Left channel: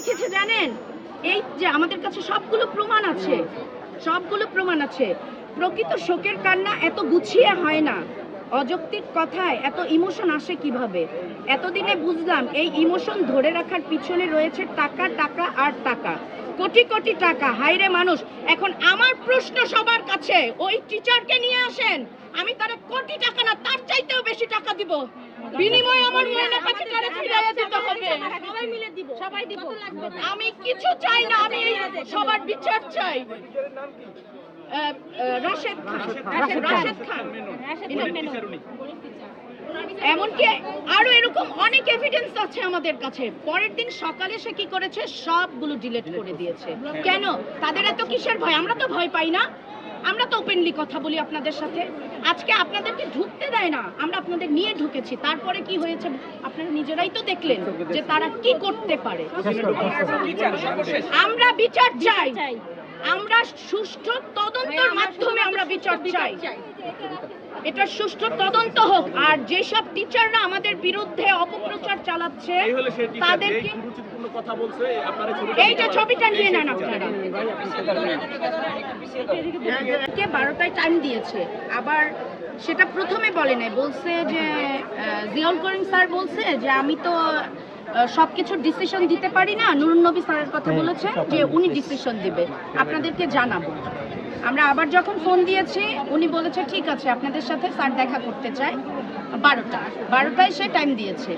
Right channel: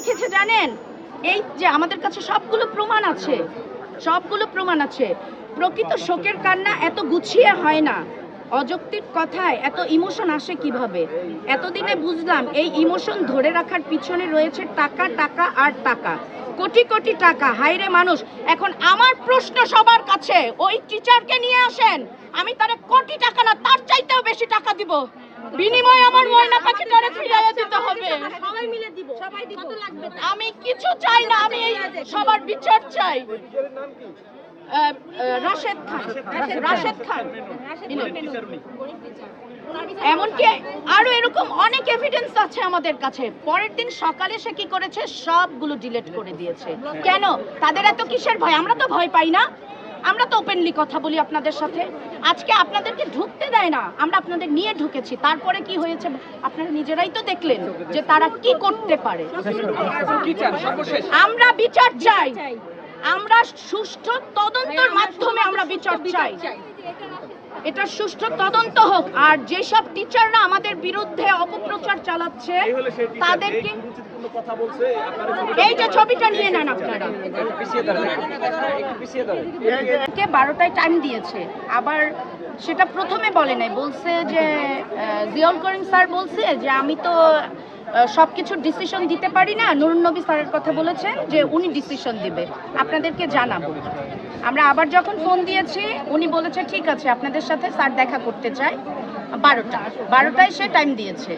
লিখেছে জানেন? এই যে আমাদের কাছে সবগুলো প্রমাণ আছে, প্রকৃত শোকের কান্না এত গুছিয়ে হয় না, অযৌক্তিক কথায় এত ইমোশন আসে কিভাবে? এতদিনে বুঝলাম এই ইমোশন ধরে রাখার পিছনে রয়েছে টাকা, টাকা আর টাকা, কোটি কোটি টাকা। হায়রে মানুষ! এখন আমার প্রশ্ন সবার কাছে, ওই টিচারকে নিয়ে আসেন, আমি তারে কোটি টাকা না তার চাইতেও বেশি টাকা দিব, বিনিময়ে আমার ময়না পাখিটারে ফিরিয়ে দিতে হবে। সবাই মিলে দিব, সবাই দিব। আমি কিছু চাই না, আমি এই সবার বিচার চাই। রাশেদ খান এমনকি আরো এরকম অনেক এভিডেন্স আছে আমাদের কাছে। পরের দিন সকালে সে কি করেছে, সবগুলো ডিলিট করে দিয়েছে। কেন? তাদের এত কিসের ভয়? আমরা তো ভয় পাই না, আমরা তো ওপেনলি কথা বলি আপনাদের সাথে। আজকে আপনাদেরকে ঢুকতে দেয় না, আমরা আপনাদের নিয়ে ঢুকেছি। তারপরে কি হয়েছে আপনারা নিজেরাই তো দেখলেন যে তারা কি করতে পারে। আমরা বিচার চাই, আমরা সুষ্ঠু তদন্তের মাধ্যমে আমরা বিচার চাই। এটা সুষ্ঠু তদন্ত হোক। আর যেসব টিচাররা আমাদের বিরুদ্ধে অপপ্রচার চালাচ্ছে তাদেরকে, এই যে ছবিটা নিয়ে নেন আপনারা, 12টায় টাইম দিয়েছে। আবার সেটা প্রথমে বলে নাই, বলছে যে জিয়াউল করিম স্যার বলছে যে আমি তো সবকিছু ডিসিশন দিতে পারি না, নুরুন নবী স্যারের কথা বলেছেন যে উনি ডিসিশন দিবে, আপনাদেরকে জানাবো। আমরা আবার যখন ফোন দিয়েছি উনি বলেছে ঠিক আছে আপনাদের সাথে স্যার দেখা করতে চায়। 12টায় সে টাইম দিয়েছে,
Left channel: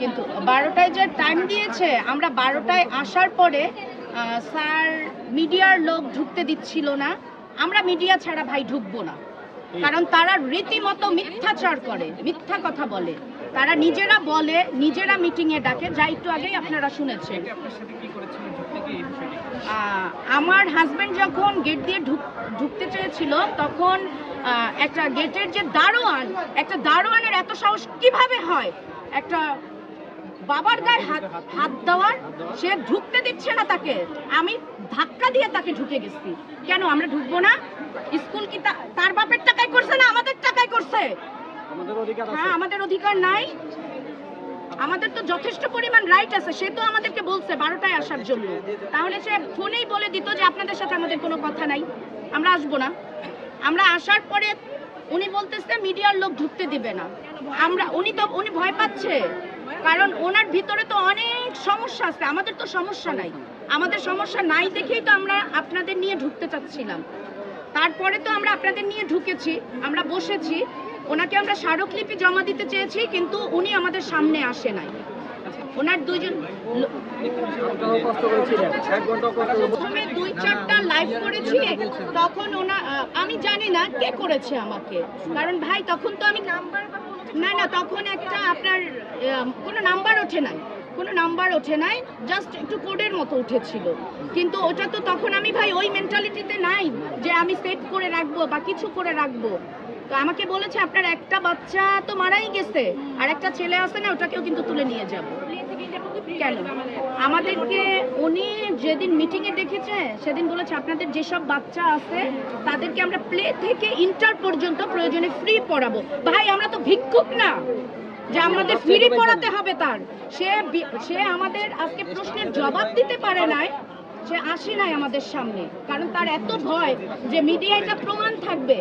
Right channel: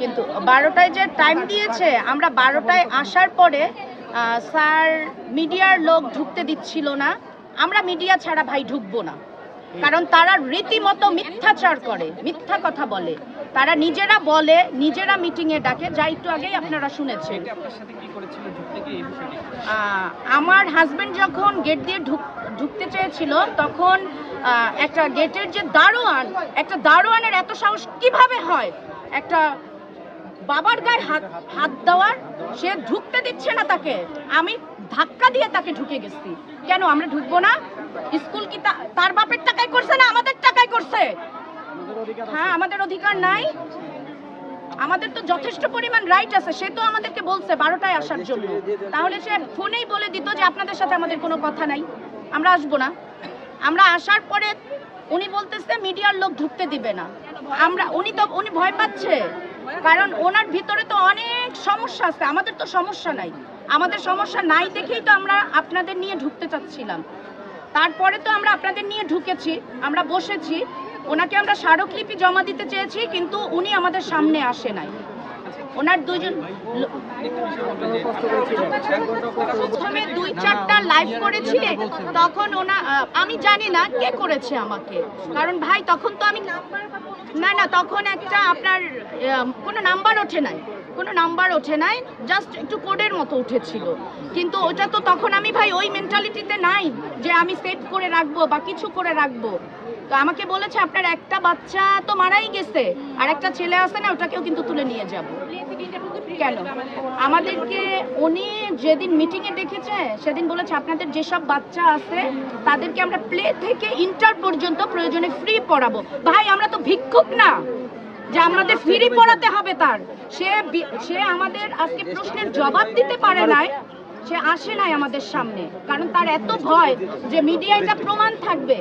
কিন্তু 12টায় যে টাইম দিয়েছে, আমরা 12টায় আসার পরে স্যার মিডিয়ার লোক ঢুকতে দিচ্ছিল না। আমরা মিডিয়া ছাড়া ভাই ঢুকবো না, কারণ তারা রীতিমতো মিথ্যাচার করে, মিথ্যা কথা বলে। তারা নিজেরা বলে, নিজেরা মিটিংয়ে ডাকে, যা একটু আগেই আপনারা শুনেছেন। আমার হাজবেন্ড যখন গেট দিয়ে ঢুকতে চেয়েছিল, তখন একটা গেটের যে দারোয়ান, একটা দারোয়ানের এত সাহস কিভাবে হয় একটা বাবার গায়ে হাত দেওয়ার? সে ঢুকতে দিচ্ছে না তাকে, আমি ধাক্কা দিয়ে তাকে ঢুকে গেছি। কেন আমরা ঢুকবো না? স্কুল কি তার বাপের টাকায় করছে না আমাদের টাকায় করছে? হ্যাঁ, আমাদের অধিকার নাই? আমাদের তো যথেষ্ট পরিমাণ রাইট আছে। সে তো আমাদেরকে বলছে 12টায় আসার জন্য, তাহলে সে ফোনেই বলে দিত যে আপনাদের সাথে আমাদের কোনো কথা নাই, আমরা আসবো না। আমরা আসার পরে উনি বলতেছে মিডিয়ার লোক ঢুকতে দিবে না। উনি ভয় পাচ্ছে, কারণ ওনার ভিতরে তো অনেক সমস্যা আছে। আমাদের তো সমস্যা নাই, আমাদের সমস্যা নাই দেখেই তো আমরা আপনাদের নিয়ে ঢুকতে চাচ্ছিলাম। তারপরে তো আমরা আপনাদের নিয়ে ঢুকেছি, আমরা বসেছি, ওনাকে আমরা স্মারকলিপি জমা দিতে চেয়েছি, কিন্তু উনি আমাদের সামনে আসে নাই। ওনার দুইজন প্রথমে 2-4টা লাইভ করেছি, তখন আমি জানি না কে করেছে আমাকে, কারণ ভাই তখন তো আমি না তখন একটা আপনার কোনো নাম্বার ওঠে নাই, জাস্ট একটু কোডের মতো উঠেছিল। কিন্তু ওটা তো তখন আমি ভাই ওই মেন্টালিটিতে নাই যে আমি সেভ করে রাখবো বা কিছু করে রাখবো। তো আমাকে বলেছে আপনার একটা বাচ্চা তো মারাই গেছে, আর একটা ছেলে আছে না, ওটাকেও কিন্তু তুলে নিয়ে যাবো। কেন? আমাদেরকে উনি যেদিন মিটিংয়ে ডেকেছে সেদিন বলেছে আপনাদের যেসব বাচ্চা আছে তাদেরকে আমরা প্লে থেকে ইন্টার পর্যন্ত প্রয়োজনে ফ্রি পড়াবো। ভাই আমরা তো ভিক্ষুক না যে আমাদের ফ্রি পড়াতে হবে। তার সে আমাদের আজকে প্রশ্নের জবাব দিতে পারে নাই, সে আসে নাই আমাদের সামনে, কারণ তার এত ভয় যে মিডিয়ায় এটা প্রমাণ থাকবে।